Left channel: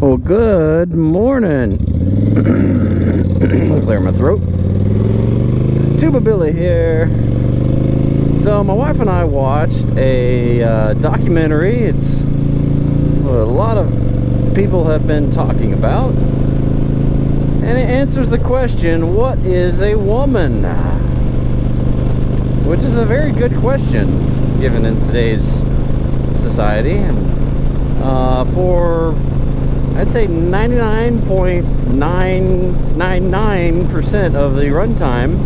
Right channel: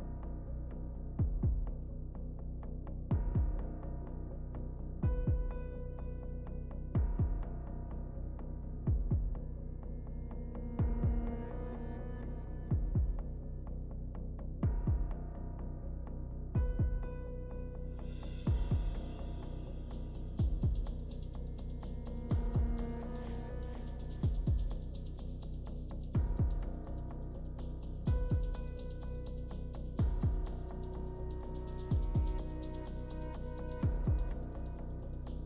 Well, good morning. Clear my throat. Tuba Billy here. So my wife and I watched a documentary. It's what a lot of people have been talking about, and it answers the question, what is a woman? Which is a very good question given in today's society, and for I'd say 99.999% of the runtime,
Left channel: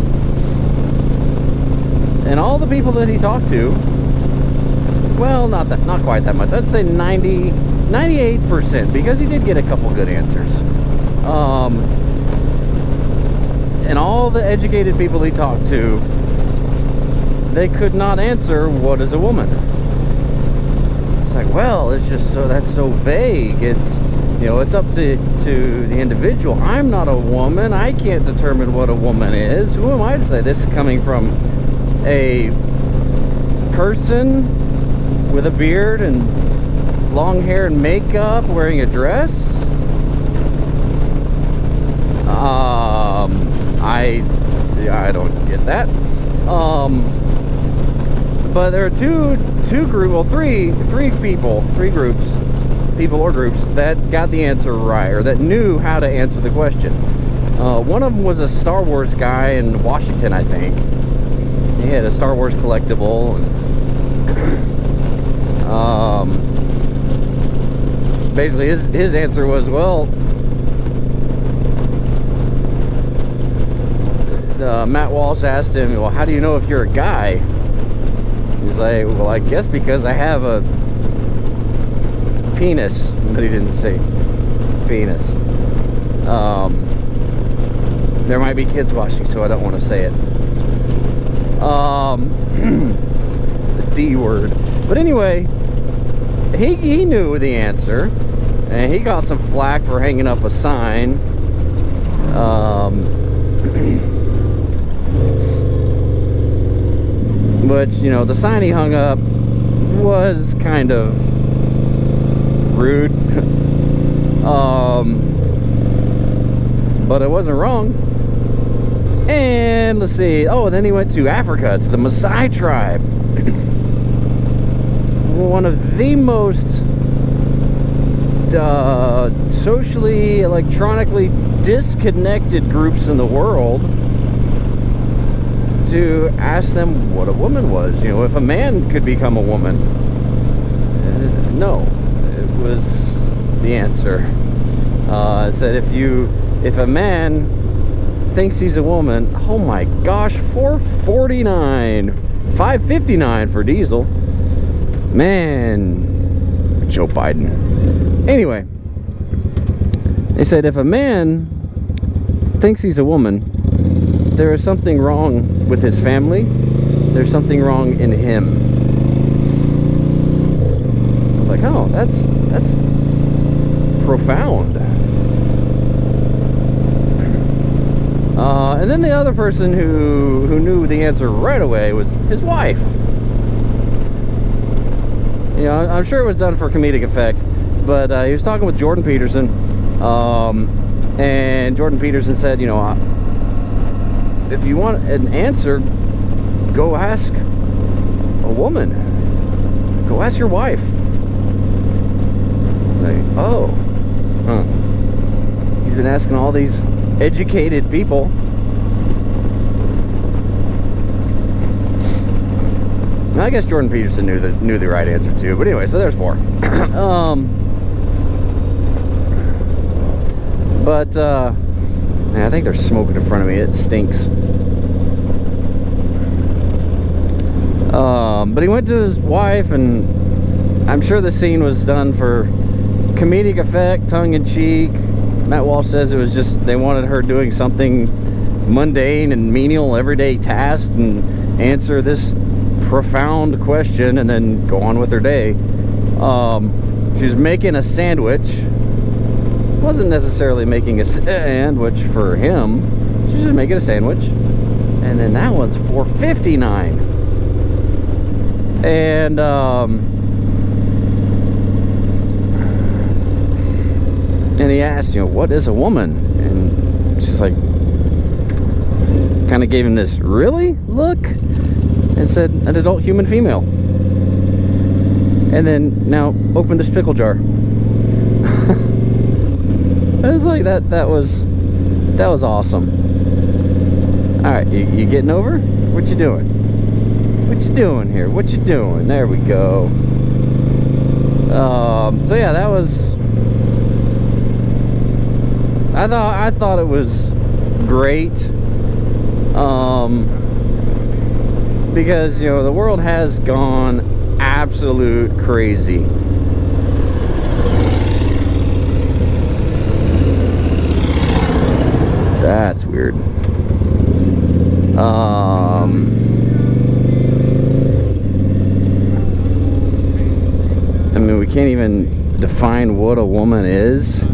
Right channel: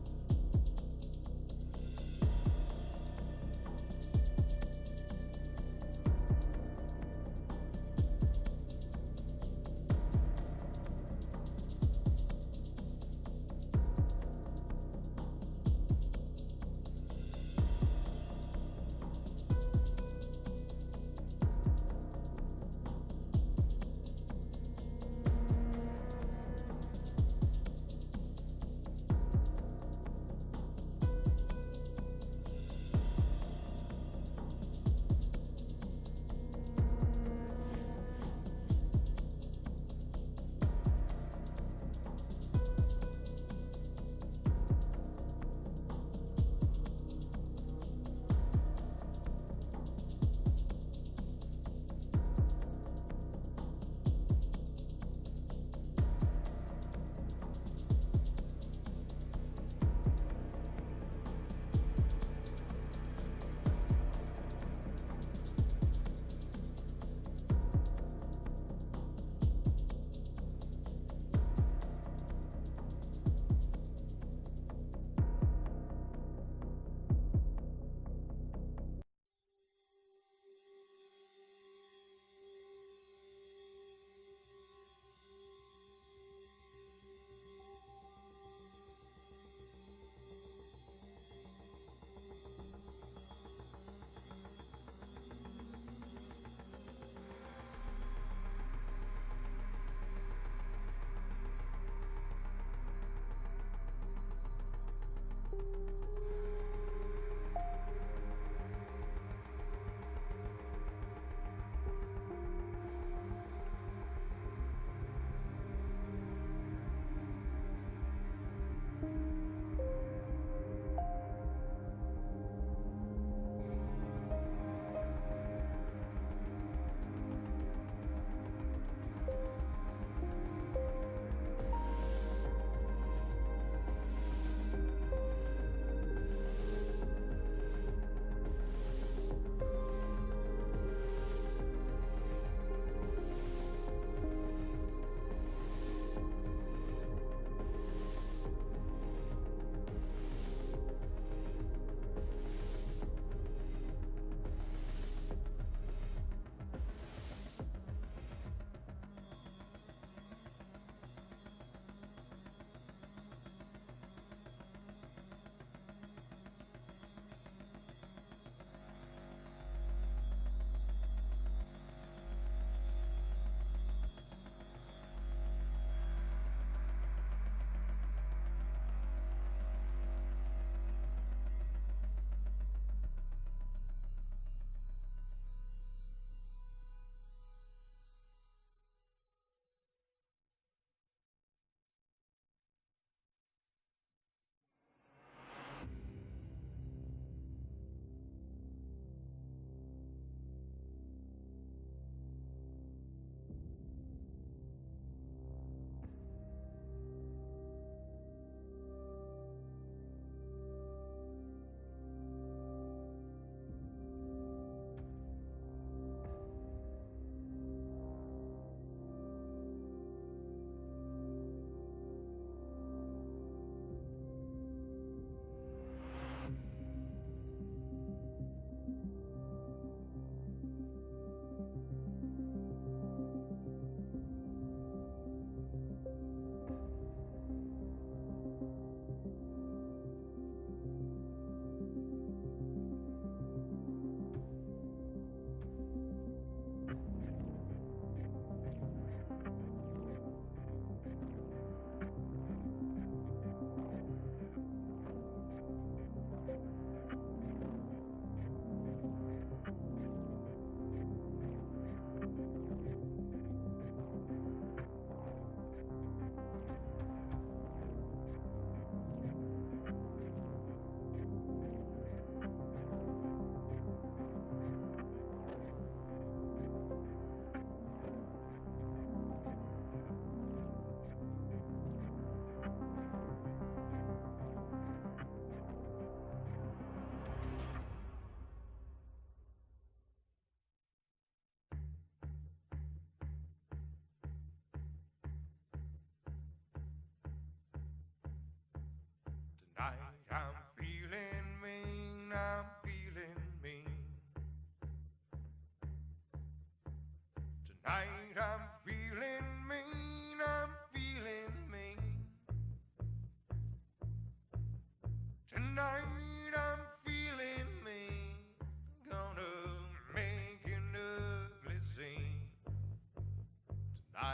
and all the people that he talked to, well, not quite that much. I'd say 98%, because he did get a couple good answers. And all the educated people he talked to, they could not answer what is a woman. It's like, well, it's just that's so vague. It's, you know, it's up to the individual. I'm not a woman. I can't determine what a woman is. Who am I to say? This is coming from a person with a beard and long hair and makeup, wearing a dress. I don't get that. But there are three groups, that got the answer right, or that knew how to answer the question. One of them was a Star Wars guy in Washington, I think. He had a Star Wars collectible. And, basically, his answer was, well, Matt Walsh asked him, well, how do you know if you're a guy? He's like, well, I guess because I have a penis. But he didn't say penis. There might be kids watching, so I don't want to say it. The D word. But anyway, he knew the answer, and he got some flack for hanging up a sign. Which, you know, the sign he hung up was kind of rude. But it wasn't wrong. And let's see. Oh, then he went to Africa, to the Maasai tribe. One of the most socially, electronically disconnected groups in the world, to ask them what a woman was. You know, if a man could become a woman. No, it was the answer. It said if a man thinks he's a woman, oh my gosh, $5.59 for diesel. Man, Joe Biden. Anyway, they said if a man thinks he's a woman, there is something wrong with his family. There's something wrong in him. I was like, oh, that's profound. And then the other person who knew the answer right away was his wife. You know, I'm sure it was done for comedic effect, but he was talking with Jordan Peterson, and Jordan Peterson said, you know, if you want an answer, go ask a woman. Go ask your wife. Like, oh, huh. He's been asking all these educated people. I guess Jordan Peterson knew the right answer too. But anyway, so there's 4. Man, I think there's smoking in front of me. It stinks. But he went to his wife, and I'm sure the scene was done for comedic effect, tongue-in-cheek. Matt Walsh says it was just they wanted her doing something mundane and menial, everyday task, and answer this profound question and then go on with her day. She's making a sandwich. Wasn't necessarily making a sandwich for him. She's just making a sandwich. And then that one's $4.59. And And he asked, what is a woman? And she's like, kind of gave him this really look and said, an adult human female. And then now open this pickle jar. I was like, that was awesome. All right, you getting over? What you doing? What you doing here? What you doing? There we go. So yeah, that was. I thought it was great. Because the world has gone absolute crazy. That's weird. I mean, we can't even define what a woman is.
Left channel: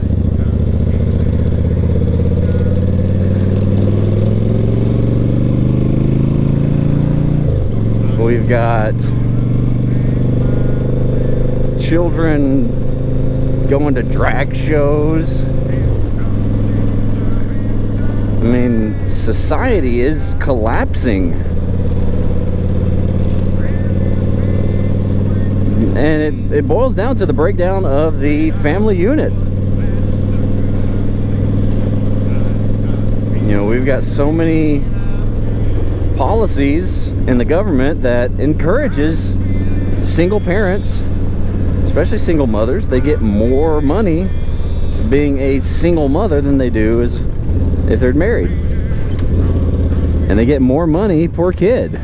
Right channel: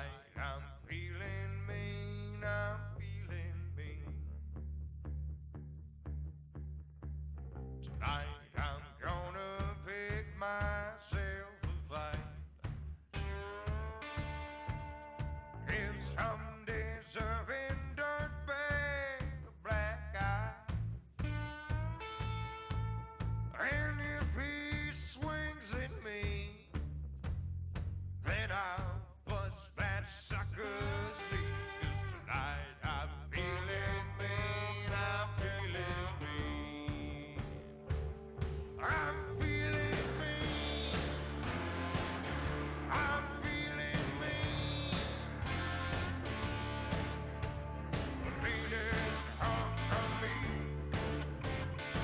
We've got children going to drag shows. I mean, society is collapsing. And it boils down to the breakdown of the family unit. We've got so many policies in the government that encourages single parents, especially single mothers. They get more money being a single mother than they do as if they're married. And they get more money per kid.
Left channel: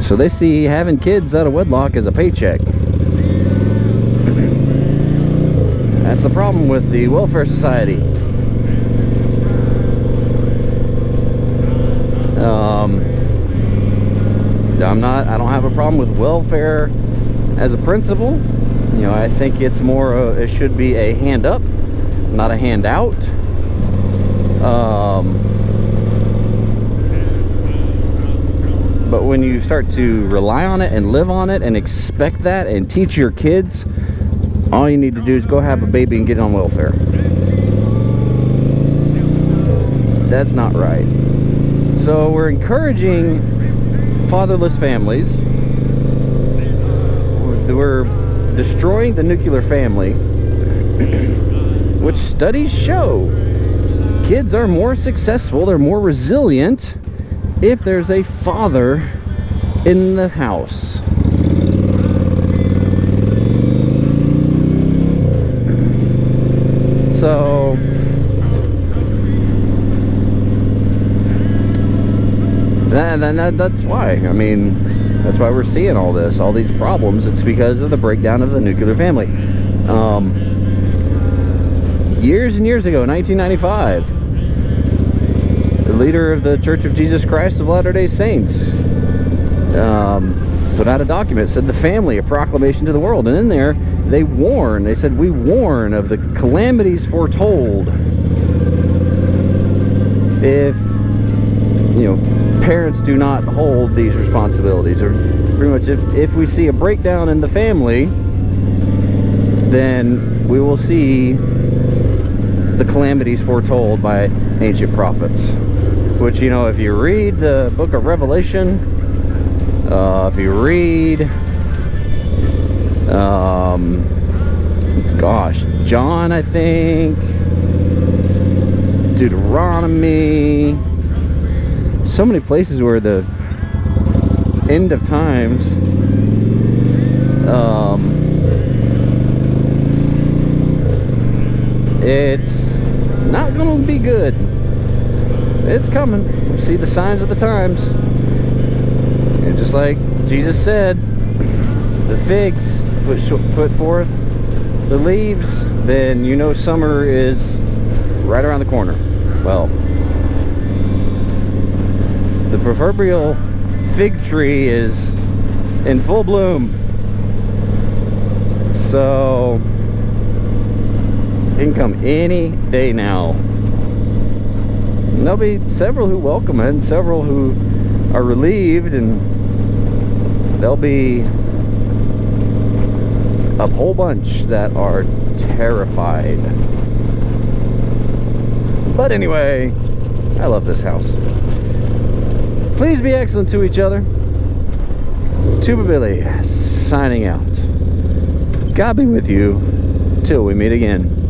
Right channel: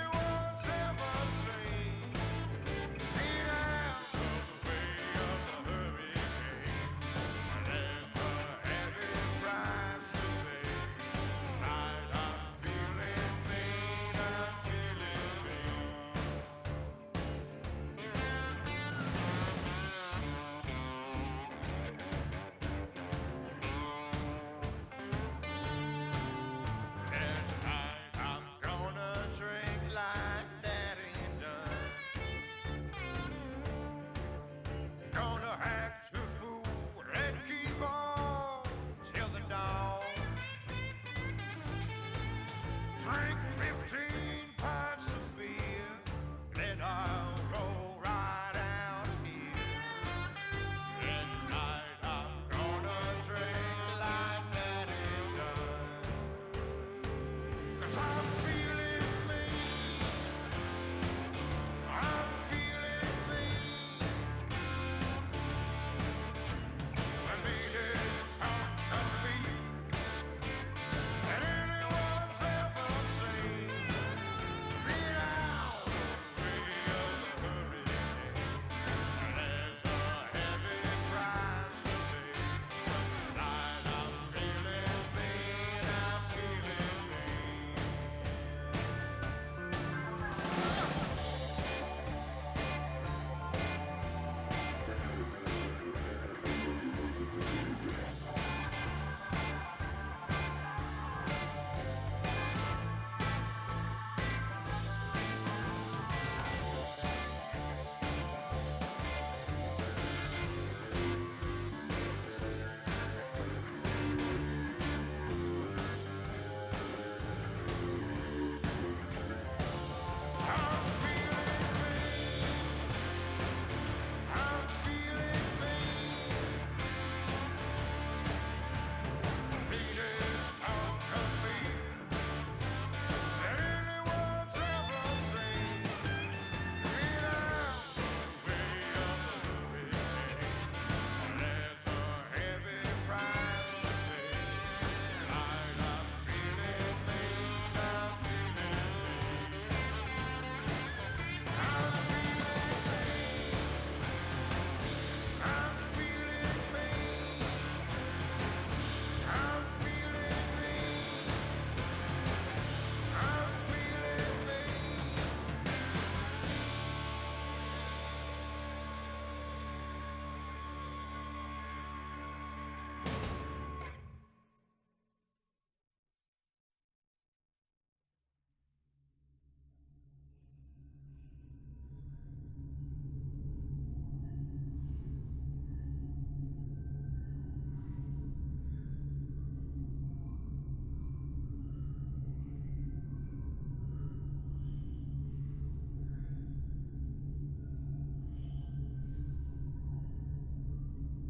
So they see having kids out of wedlock as a paycheck. That's the problem with the welfare society. I don't have a problem with welfare as a principle. I think it's more, it should be a hand up, not a handout. But when you start to rely on it and live on it and expect that and teach your kids, all you need to do is go have a baby and get on welfare. That's not right. So we're encouraging fatherless families. We're destroying the nuclear family, which studies show kids are more successful, they're more resilient if there's a father in the house. So that's why. I mean, that's why we're seeing all these problems. It's because of the breakdown of the nuclear family. Years and years ago, 1995, the leader of the Church of Jesus Christ of Latter-day Saints put out a document, said the family, a proclamation to the world. And in there, they said, we warn of the calamities foretold if, parents do not hold these responsibilities. Or pretty much if we see a breakdown in the family, then we will see the calamities foretold by ancient prophets. Which, if you read the book of Revelation, if you read John, I think, Deuteronomy, so many places where the end of times it's not going to be good. It's coming. See the signs of the times. And just like Jesus said, the figs put forth the leaves, then summer is right around the corner. Well, the proverbial fig tree is in full bloom. So it can come any day now. And there'll be several who welcome it and several who are relieved, and there'll be a whole bunch that are terrified. But anyway, I love this house. Please be excellent to each other. Tuba Billy signing out. God be with you till we meet again.